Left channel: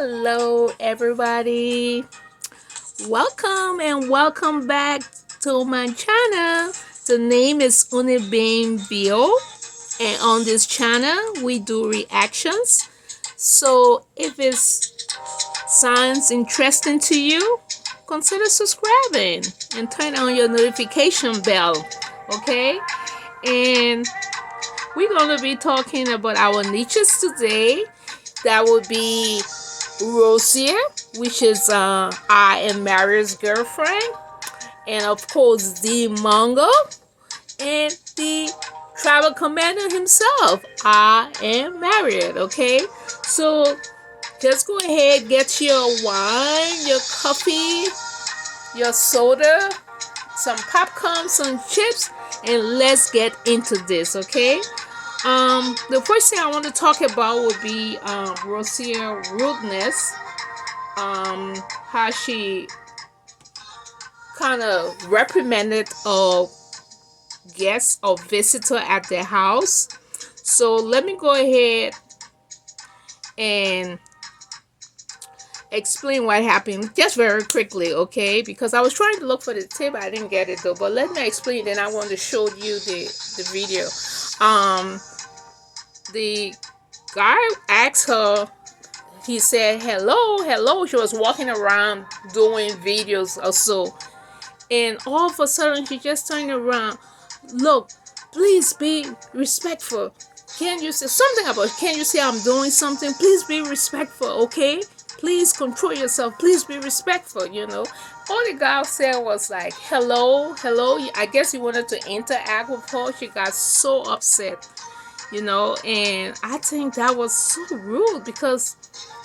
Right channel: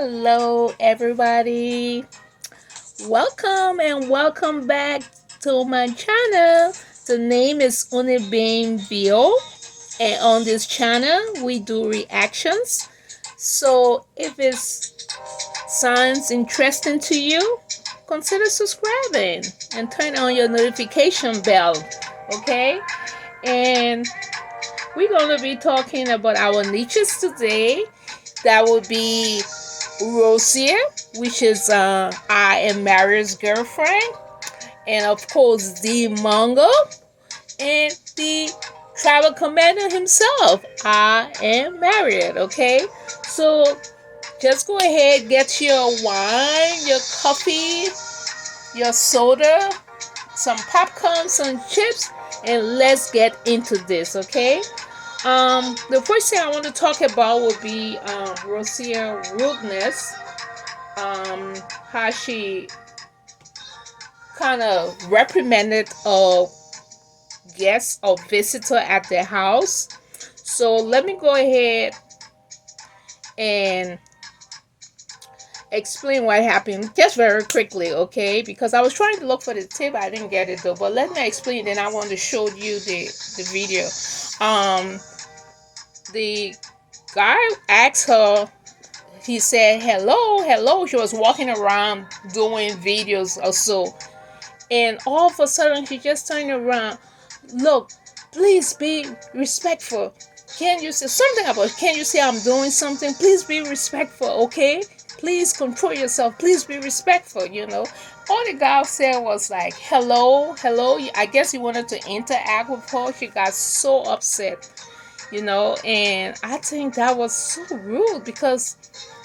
Hello, everybody. Welcome and welcome back to my channel. The name is Unibane Bio, and on this channel, we do reactions. So, if it sounds interesting to you, consider subscribing and turn on your notification bell. Okay, and we're gonna be talking about our niches today. That would be Rosia, which is I am Marriott's girlfriend, and of course the Mongo and the travel commander himself. I am Marriott. Okay, so just go ahead, get your wine, your coffee, your soda, some popcorn, some chips, and let's get into this. Okay. The first thing I want to talk about would be Rosia rudeness. How she kind of reprimanded a guest or visitor at their house. So let me go ahead and explain what happened just very quickly, okay? Because I was trying to look for the tip, I didn't get it though. But let me explain. Then I want to show you the video. Um, the guy asked her. He said hello, hello. She was walking around doing videos or so, and all of a sudden she just turned around. Look, please be respectful. Can you say something about, can you say I'm doing something? Please be respectful, okay? Please control yourself. Please be respectful, you know. All the guy said was like, hello, hello. I guess he wanted to interact with her. She got so upset, you know, and I think that was so rude because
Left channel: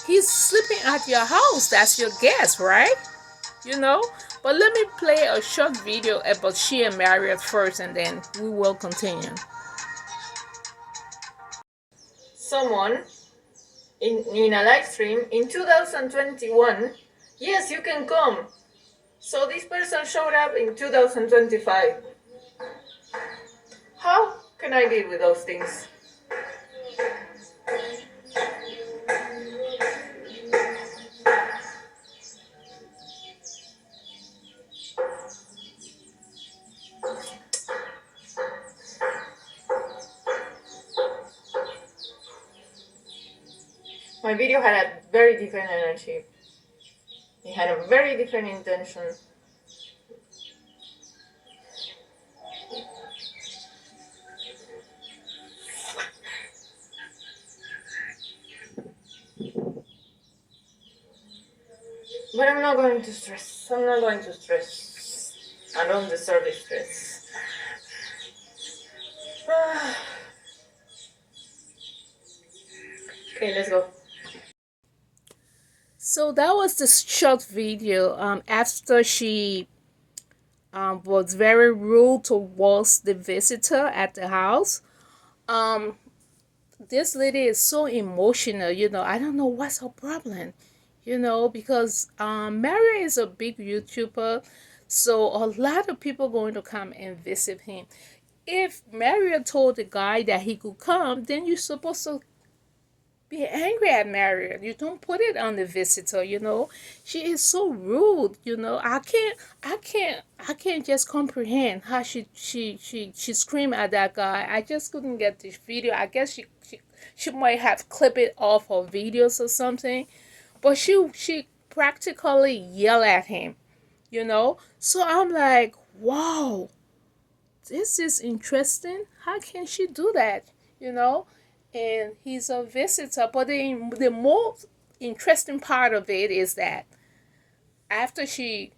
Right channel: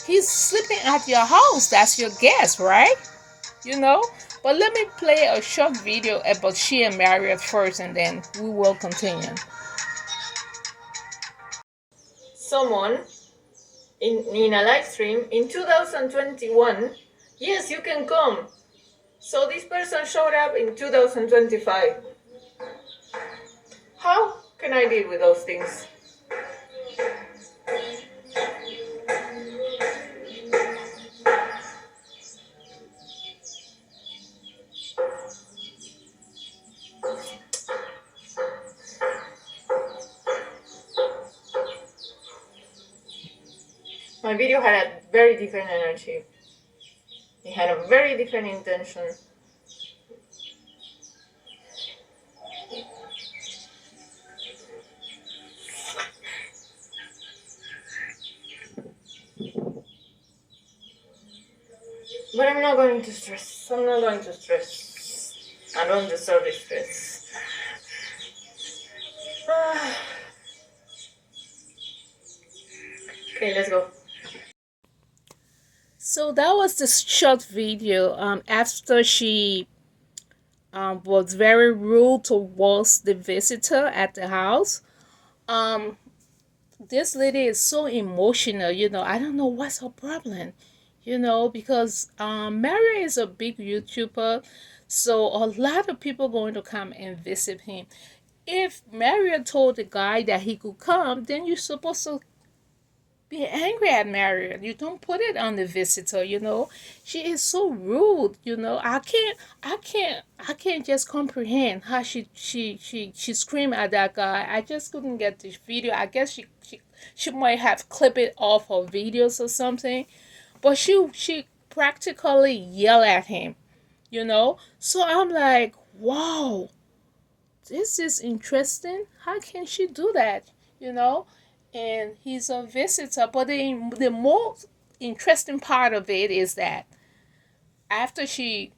he's sleeping at your house. That's your guest, right? You know. But let me play a short video about she and Marriott first, and then we will continue. Someone in a live stream in 2021. Yes, you can come. So this person showed up in 2025. How can I deal with those things? My video had a very different energy. It had a very different intention. But I'm not going to stress. I'm not going to stress. I don't deserve the stress. Okay, let's go. So that was the short video. After she was very rude towards the visitor at the house. Um, this lady is so emotional. You know, I don't know what's her problem. You know, because Mary is a big YouTuber, so a lot of people going to come and visit him. If Marriott told the guy that he could come, then you're supposed to be angry at Marriott. You don't put it on the visitor, you know. She is so rude, you know. I can't just comprehend how she screamed at that guy. I just couldn't get this video. I guess she might have clipped it off her videos or something. But she practically yelled at him, you know. So I'm like, wow, this is interesting. How can she do that, you know? And he's a visitor. But the most interesting part of it is that after she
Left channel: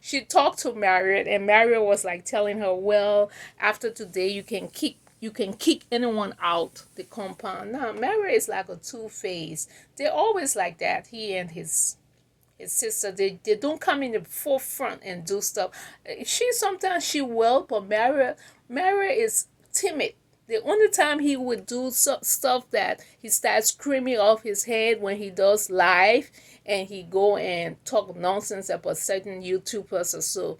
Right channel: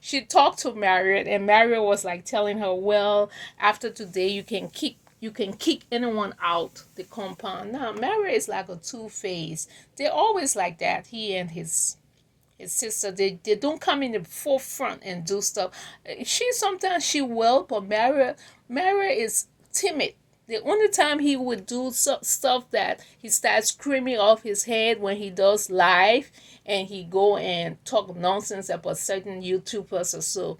she talked to Marriott, and Marriott was like telling her, well, after today you can you can kick anyone out the compound. Now, Marriott is like a two-faced. They're always like that. He and his sister, they don't come in the forefront and do stuff. She sometimes she will, but Mara is timid. The only time he would do stuff that he starts screaming off his head when he does live and he go and talk nonsense about certain YouTubers or so.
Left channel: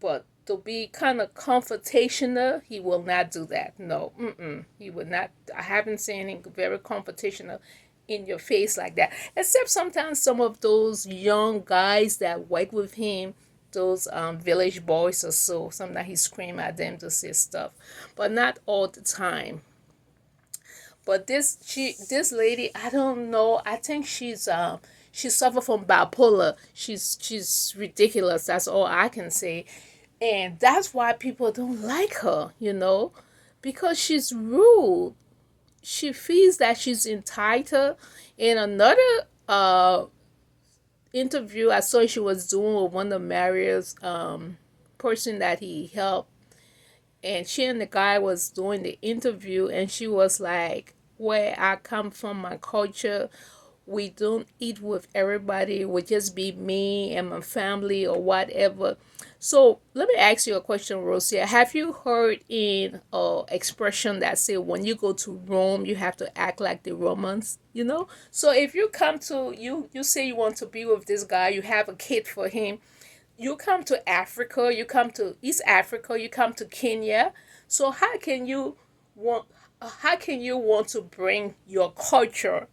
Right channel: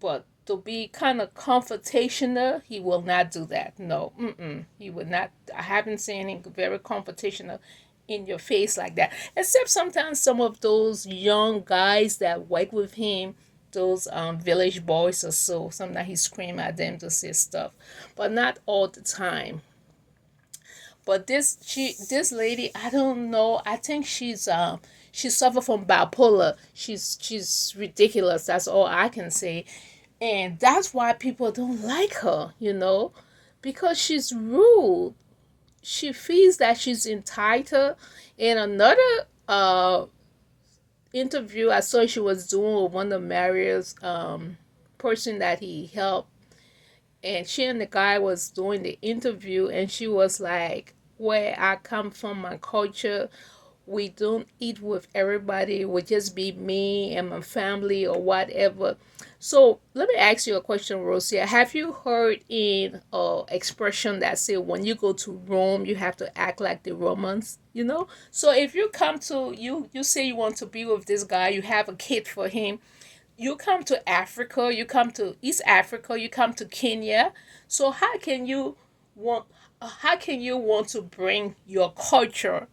But to be kind of confrontational, he will not do that. No, he would not. I haven't seen him very confrontational in your face like that. Except sometimes some of those young guys that work with him, those village boys or so, sometimes he scream at them to say stuff, but not all the time. But this lady, I don't know. I think she suffered from bipolar. She's ridiculous. That's all I can say, and that's why people don't like her. Because she's rude. She feels that she's entitled. In another interview I saw she was doing with one of Marriott's person that he helped, and she and the guy was doing the interview, and she was like, where I come from, my culture, we don't eat with everybody. It would just be me and my family or whatever. So let me ask you a question, Rosia. Have you heard in expression that say when you go to Rome, you have to act like the Romans? So if you come to you say you want to be with this guy, you have a kid for him. You come to Africa, you come to East Africa, you come to Kenya. So how can you want to bring your culture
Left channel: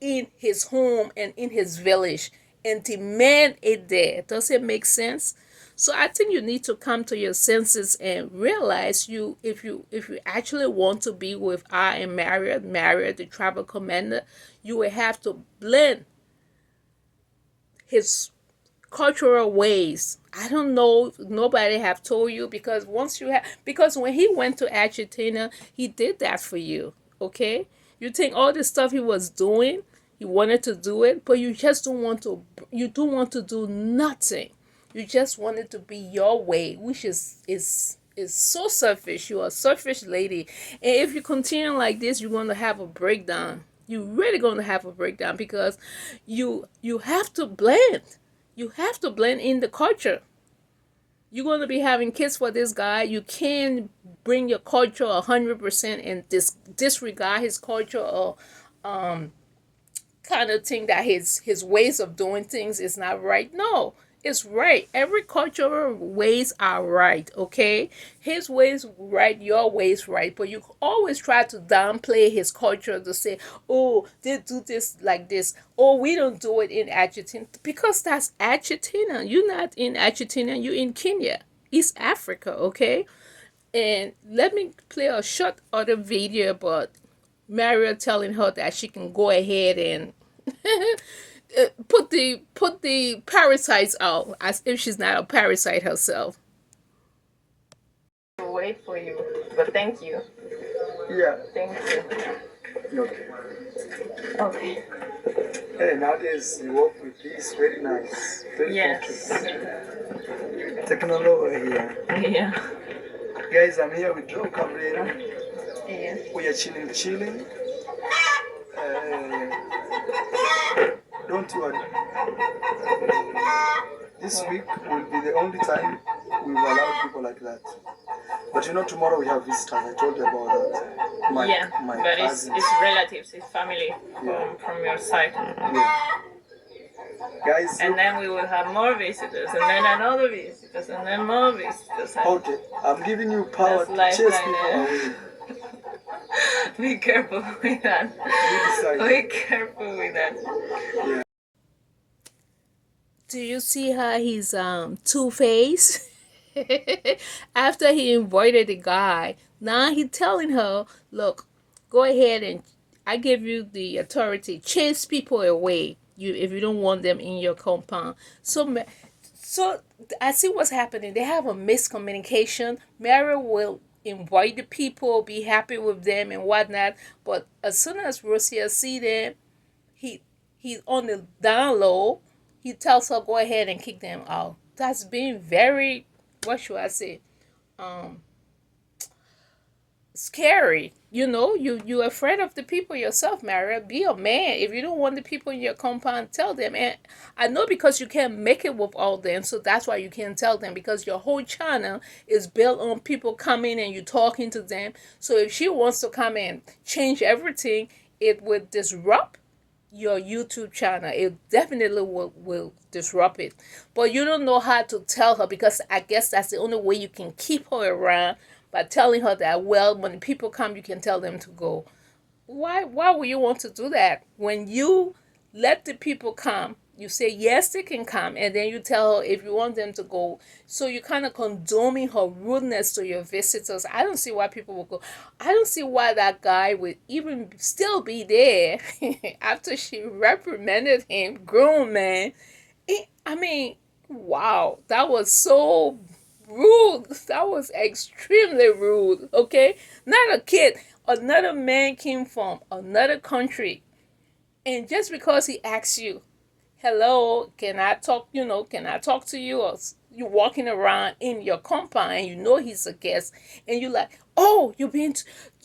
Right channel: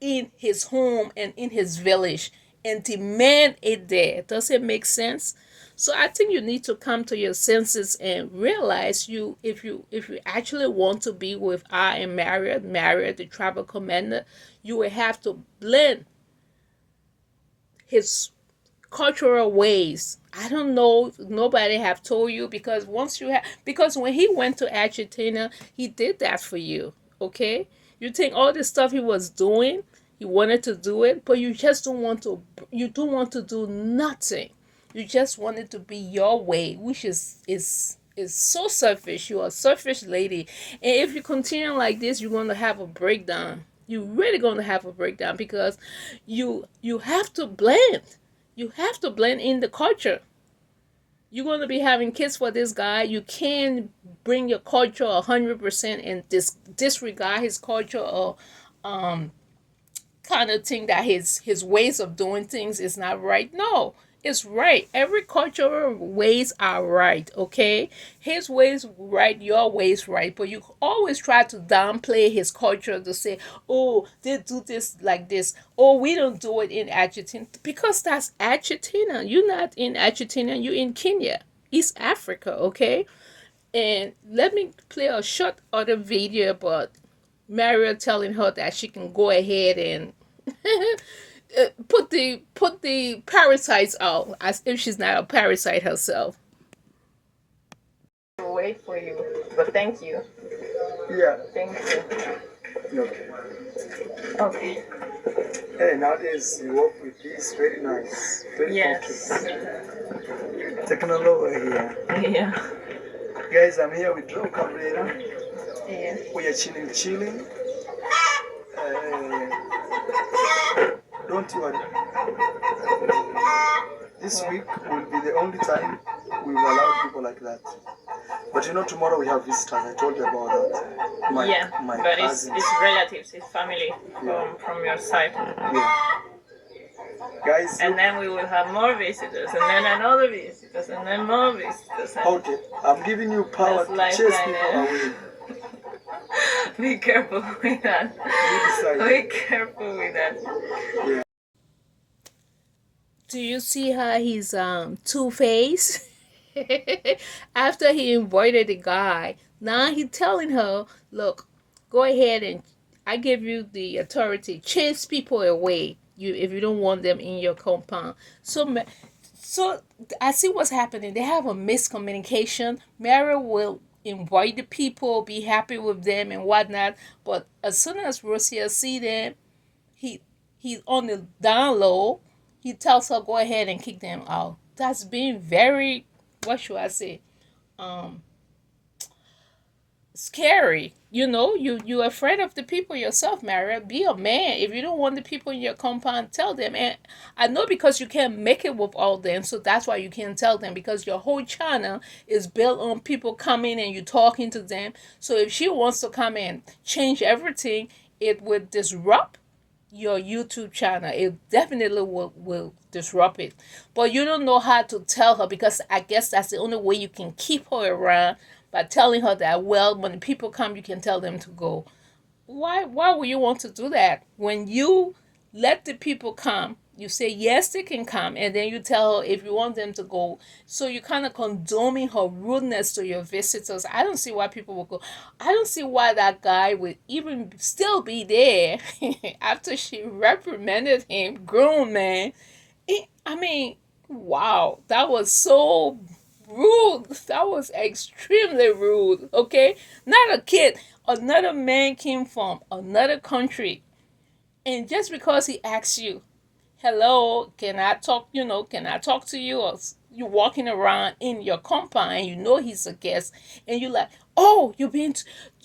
in his home and in his village and demand it there? Does it make sense? So I think you need to come to your senses and realize if you actually want to be with I and Marriott, the travel commander, you will have to blend his cultural ways. I don't know, nobody have told you, because because when he went to Argentina, he did that for you. Okay? You think all the stuff he was doing, he wanted to do it, but you don't want to do nothing. You just want it to be your way, which is so selfish. You're a selfish lady. And if you continue like this, you're going to have a breakdown. You're really going to have a breakdown, because you have to blend. You have to blend in the culture. You're going to be having kids for this guy. You can't bring your culture 100% and disregard his culture, or kind of think that his ways of doing things is not right. No, it's right. Every cultural ways are right, okay? His ways right, your ways right, but you always try to downplay his culture to say, oh, they do this like this. Oh, we don't do it in Argentina, because that's Argentina. You're not in Argentina, you're in Kenya, East Africa, okay? And let me play a short other video about Mario telling her that she can go ahead and put the parasites out, as if she's not a parasite herself. Wait for you, but thank you. Yeah. Thank you. Okay. Okay. Hey, nowadays you work with this very nice, very Yes. comfortable. Technology over here. Yeah. Guys, I'm here with Joe Cabrera. Yeah. We are chilling. Don't worry. This week will be the only time we've allowed people like that. But tomorrow we have visitors. I told you about that. My but cousins. it's relatives, it's family from your side. Yeah. Guys, And then we will have more visitors, and then another visitors, and then more visitors. okay, I'm giving you power That's to chase lifeline, people away. Be careful with that. You decide. Be careful with that. Yeah. Do you see how he's two-faced? After he invited the guy, now he telling her, look, go ahead and I give you the authority, chase people away, if you don't want them in your compound. So I see what's happening. They have a miscommunication. Mary will invite the people, be happy with them and whatnot, but as soon as Rosia see them, he's on the down low. He tells her go ahead and kick them out. That's being very, what should I say? Um, scary. You're afraid of the people yourself, Marriott. Be a man. If you don't want the people in your compound, tell them. And I know because you can't make it with all them, so that's why you can't tell them, because your whole channel is built on people coming and you talking to them. So if she wants to come and change everything, it would disrupt your YouTube channel. It definitely will disrupt it. But you don't know how to tell her, because I guess that's the only way you can keep her around, by telling her that, well, when people come, you can tell them to go. Why would you want to do that? When you let the people come, you say yes, they can come, and then you tell her if you want them to go. So you're kind of condoning her rudeness to your visitors. I don't see why people will go. I don't see why that guy would even still be there after she reprimanded him, grown man. I mean, wow, that was so rude. That was extremely rude. Okay, not a kid. Another man came from another country, and just because he asks you, "Hello, can I talk?" Can I talk to you? Or you walking around in your compound, and he's a guest, and you're like, "Oh, you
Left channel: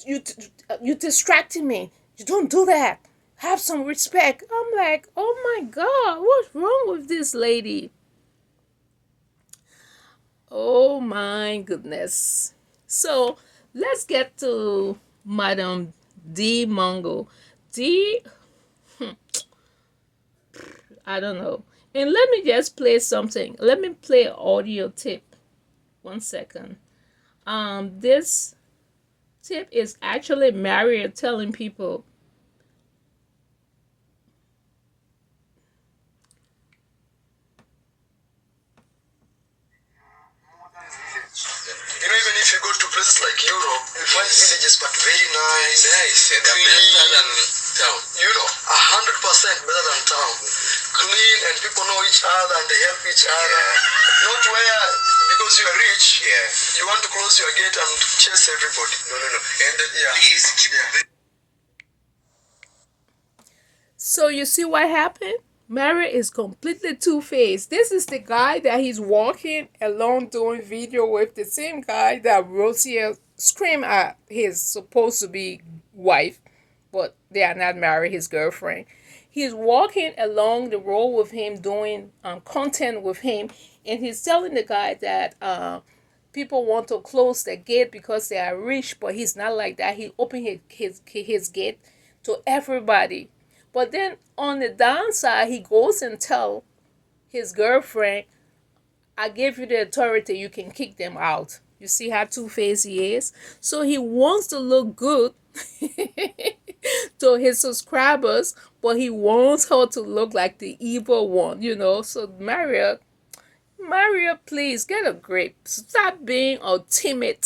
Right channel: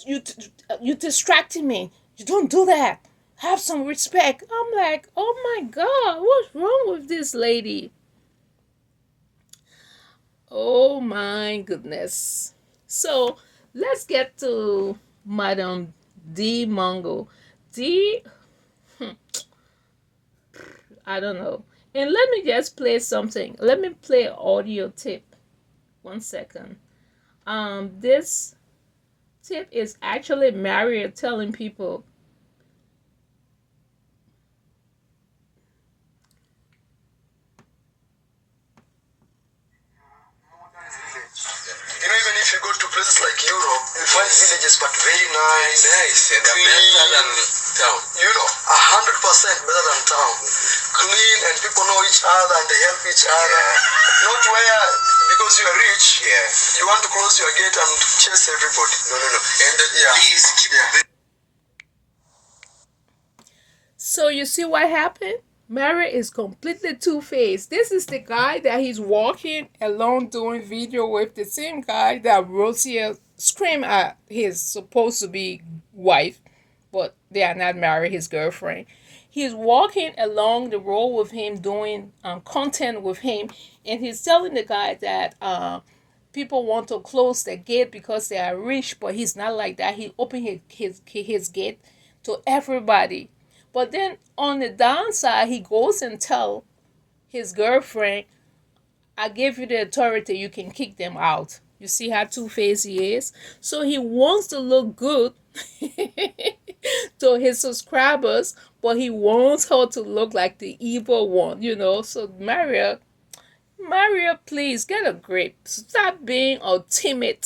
you distracting me. You don't do that. Have some respect." I'm like, "Oh my God, what's wrong with this lady?" Oh my goodness. So let's get to Madam D Mongo. D, I don't know. And let me just play something. Let me play an audio tip. 1 second. This tip is actually Marriott telling people. Even if you go to places like Europe, you find villages but very nice. Nice, and they're better than town. 100% better than town. Clean, and people know each other and they help each other. Yeah. Not where, because you are rich, you want to close your gate and chase everybody. No. And please keep the So you see what happened? Marriott is completely two-faced. This is the guy that he's walking along doing video with, the same guy that Rosia screamed at his supposed to be wife, but they are not married, his girlfriend. He's walking along the road with him, doing content with him, and he's telling the guy that people want to close the gate because they are rich, but he's not like that. He opened his gate to everybody. But then on the downside, he goes and tell his girlfriend, "I gave you the authority, you can kick them out." You see how two-faced he is? So he wants to look good to his subscribers, but he wants her to look like the evil one. So Mario, please get a grip. Stop being a timid,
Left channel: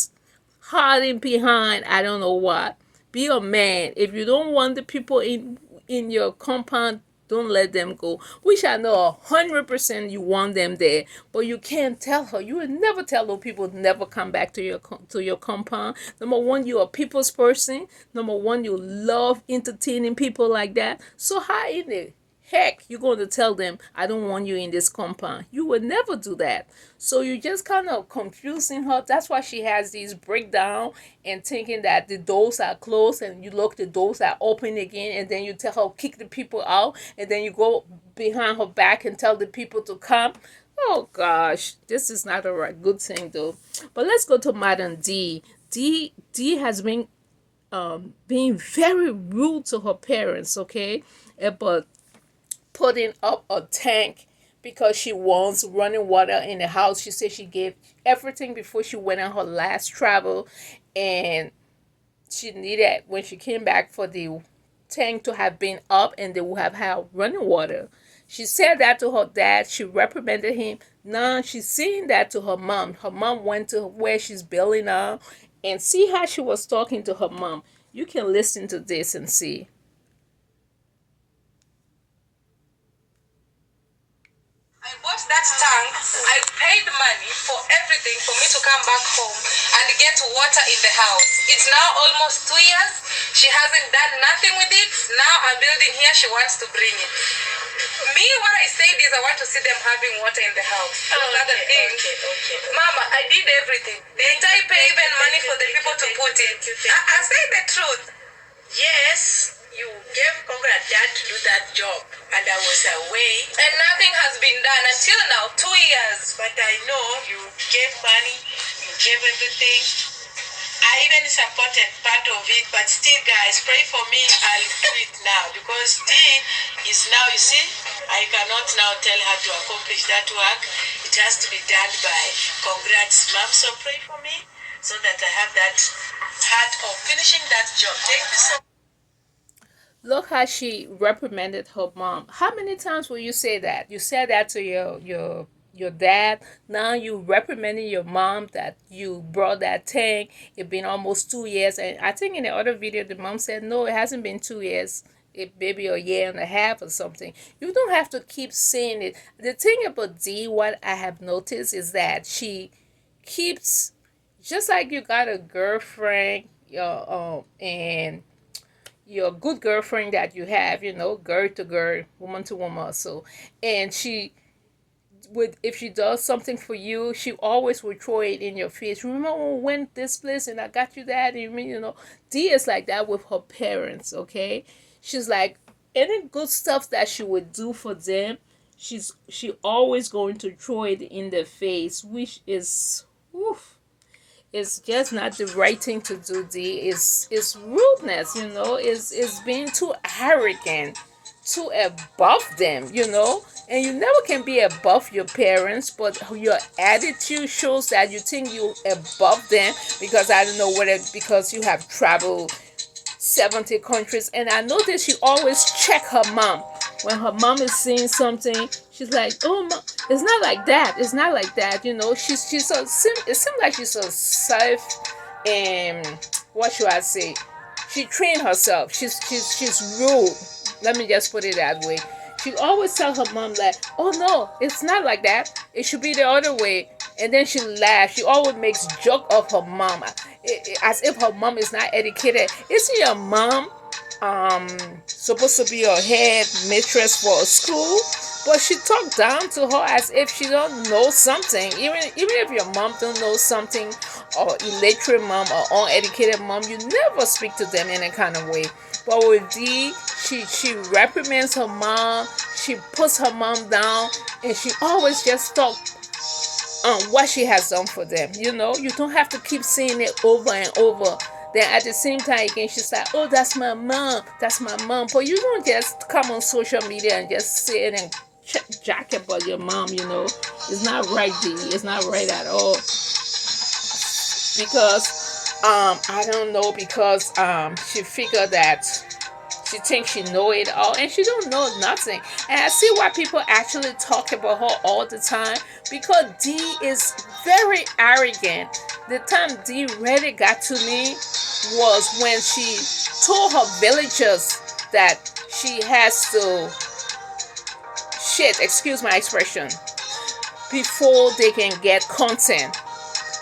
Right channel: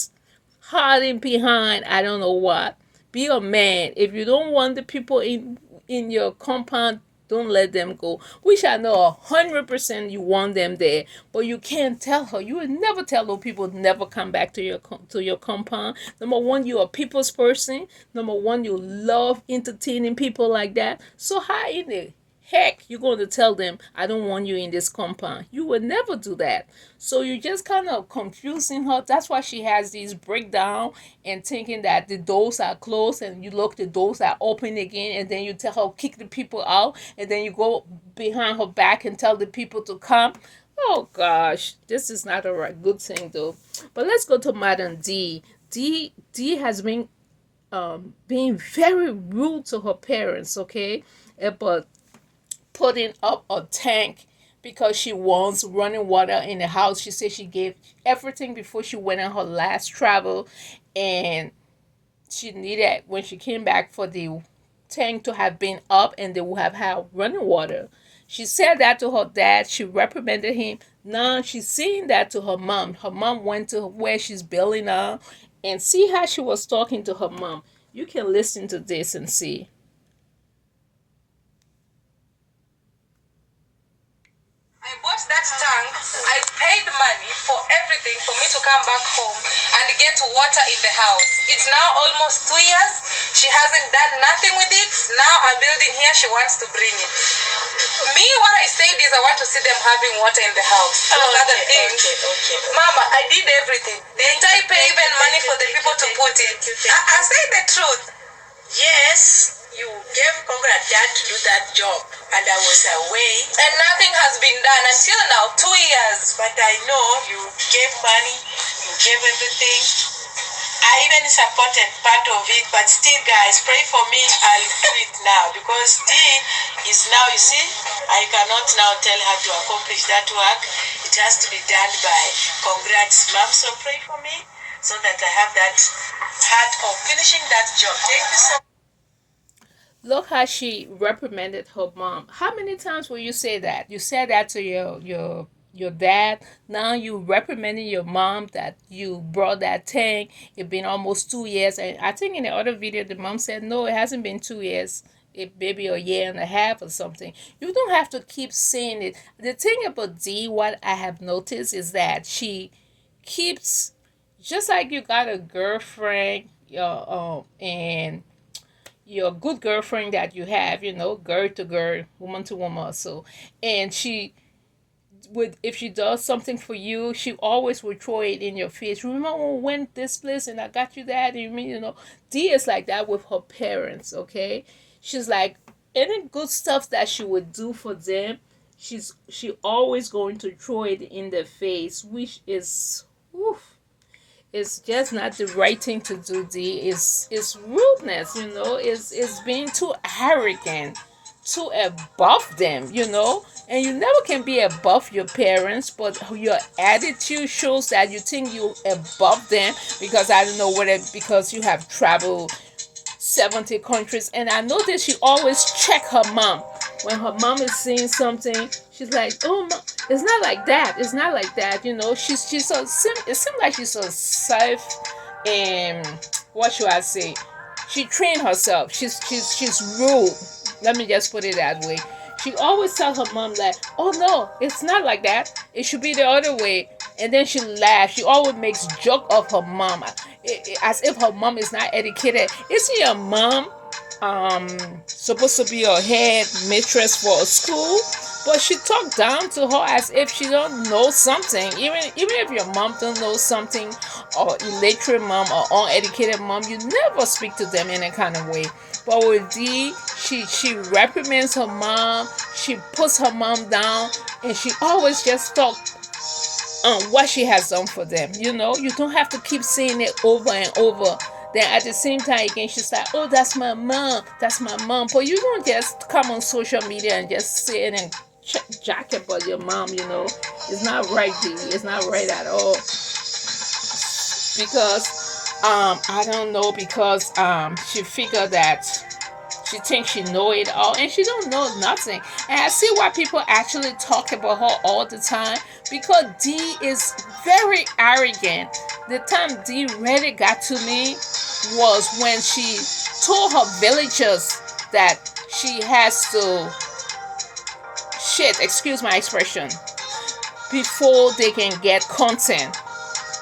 hiding behind I don't know what. Be a man. If you don't want the people in your compound, don't let them go. Which I know 100% you want them there, but you can't tell her. You would never tell those people never come back to your compound. Number one, you're a people's person. Number one, you love entertaining people like that. So how in the heck you going to tell them, "I don't want you in this compound"? You would never do that. So you just kind of confusing her. That's why she has these breakdown and thinking that the doors are closed, and you look, the doors are open again, and then you tell her kick the people out, and then you go behind her back and tell the people to come. Oh gosh, this is not a right good thing though. But let's go to Madam D. D has been being very rude to her parents, okay? But putting up a tank because she wants running water in the house. She said she gave everything before she went on her last travel, and she needed, when she came back, for the tank to have been up and they would have had running water. She said that to her dad. She reprimanded him. Now she's saying that to her mom. Her mom went to where she's building now, and see how she was talking to her mom. You can listen to this and see. I bought that tank. I paid money for everything for me to come back home and get water in the house. It's now almost 2 years. She hasn't done nothing with it. Now I'm building here, she wants to bring it. Me, what I said is I want to see them having water in the house. Those are the things. Okay. Mama, I did everything. Didn't I pay even money for the people to put it? I say the truth. Yes, you gave Congress dad to do that job, and I was away. And nothing has been done until now, 2 years. But I know you gave money, you gave everything. I even supported part of it, but still, guys, pray for me. I'll do it now because D is now, you see, I cannot now tell her to accomplish that work. It has to be done by Congrats, Mom. So pray for me so that I have that heart of finishing that job. Thank you so much. Look how she reprimanded her mom. How many times will you say that? You said that to your dad. Now you reprimanding your mom that you brought that tank. It's been almost 2 years, and I think in the other video the mom said no, it hasn't been 2 years. It maybe a year and a half or something. You don't have to keep saying it. The thing about D, what I have noticed is that she keeps, just like you got a girlfriend, and your good girlfriend that you have, girl to girl, woman to woman. So, and she would, if she does something for you, she always would throw it in your face. Remember when we went this place and I got you that? And D is like that with her parents. Okay, she's like any good stuff that she would do for them, she always going to throw it in their face, which is, oof, it's just not the right thing to do. D is rudeness, it's being too arrogant, too above them, and you never can be above your parents, but your attitude shows that you think you're above them, because I don't know whether because you have traveled 70 countries. And I noticed she always check her mom when her mom is saying something. She's like, oh, mom, it's not like that, it's not like that, she's so it seems like she's so self, what should I say, she trained herself, she's rude, let me just put it that way. She always tells her mom that, oh no, it's not like that, it should be the other way. And then she laughs. She always makes joke of her mom, as if her mom is not educated. Isn't your mom supposed to be your head mistress for a school? But she talked down to her as if she don't know something. Even if your mom don't know something, or illiterate mom or uneducated mom, you never speak to them in a kind of way. But with D, she reprimands her mom, she puts her mom down, and she always just talk on what she has done for them. You don't have to keep saying it over and over. Then at the same time again, she's like, oh, that's my mom, that's my mom. But you don't just come on social media and just say it and jack about your mom. It's not right, D. It's not right at all. Because I don't know, because she figured that she thinks she know it all, and she don't know nothing. And I see why people actually talk about her all the time, because D is very arrogant. The time D really got to me was when she told her villagers that she has to shit, excuse my expression, before they can get content.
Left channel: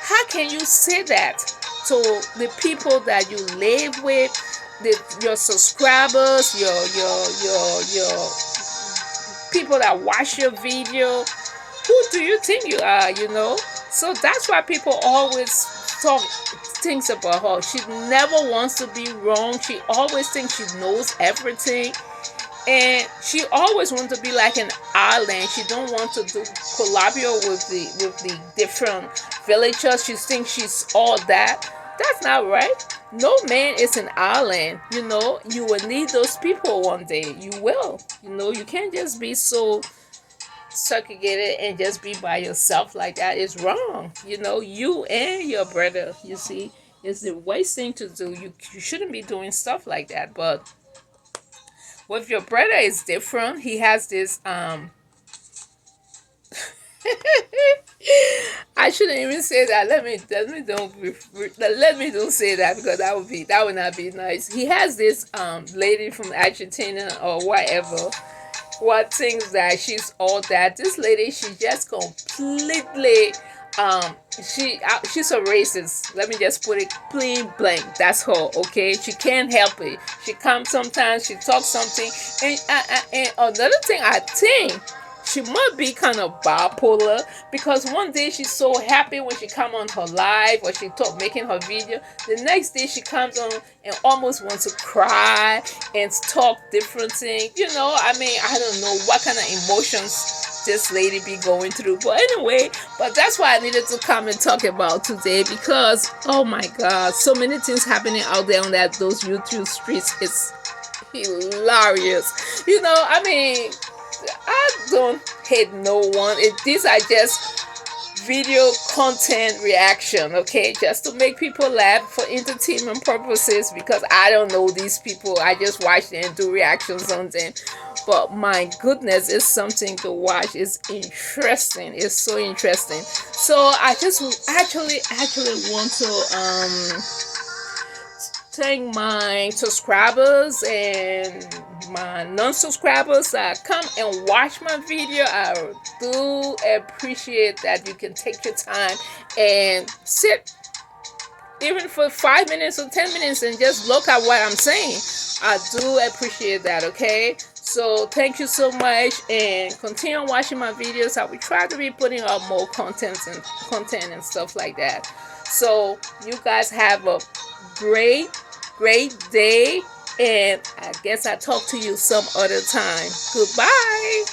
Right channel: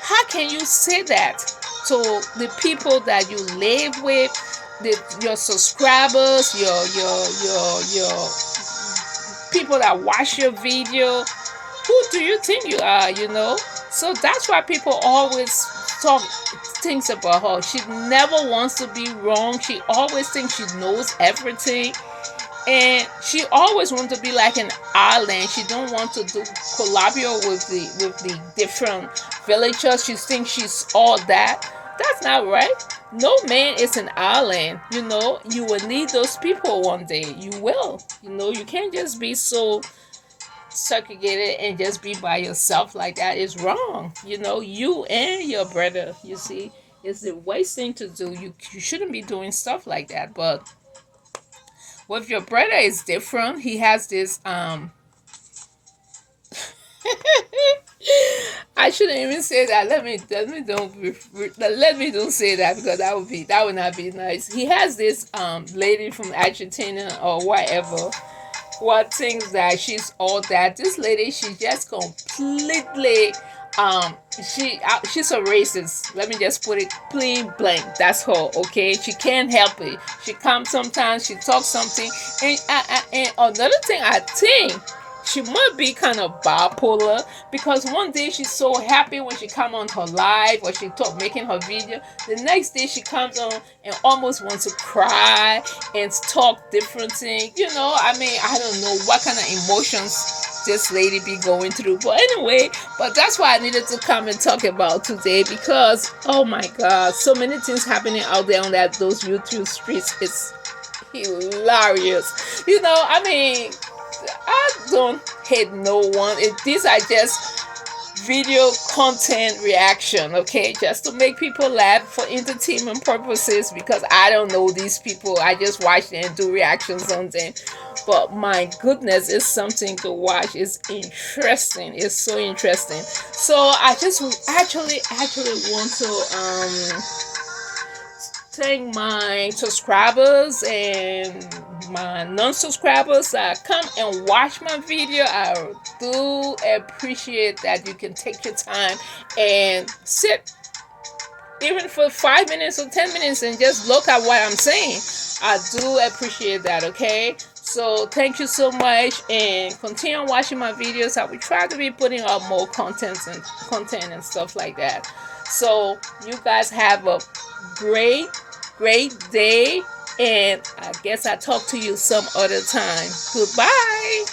How can you say that to the people that you live with, your subscribers, your people that watch your video? Who do you think you are? So that's why people always talk things about her. She never wants to be wrong. She always thinks she knows everything, and she always wants to be like an island. She don't want to collaborate with the different villagers. She thinks she's all that. That's not right. No man is an island. You will need those people one day. You will. You can't just be so segregated and just be by yourself like that. Is wrong. You and your brother, you see, it's the worst thing to do. You shouldn't be doing stuff like that. But with your brother, it's different. He has this I shouldn't even say that. Let me don't say that, because that would not be nice. He has this lady from Argentina or whatever, what thinks that she's all that. This lady, she just completely um she's a racist. Let me just put it plain blank. That's her. Okay, she can't help it. She comes sometimes, she talks something, and another thing, I think she might be kind of bipolar, because one day she's so happy when she come on her live or she talk making her video. The next day she comes on and almost wants to cry and talk different things. I mean, I don't know what kind of emotions this lady be going through. But anyway, but that's why I needed to come and talk about today, because oh my god, so many things happening out there on those YouTube streets. It's hilarious. I mean, I don't hate no one. These are just video content reaction, okay, just to make people laugh for entertainment purposes, because I don't know these people. I just watch them and do reactions on them. But my goodness, it's something to watch. It's interesting. It's so interesting. So I just actually want to thank my subscribers and my non-subscribers that come and watch my video. I do appreciate that you can take your time and sit even for 5 minutes or 10 minutes and just look at what I'm saying. I do appreciate that, okay? So thank you so much, and continue watching my videos. I will try to be putting up more content and stuff like that. So you guys have a great day, and I guess I'll talk to you some other time. Goodbye.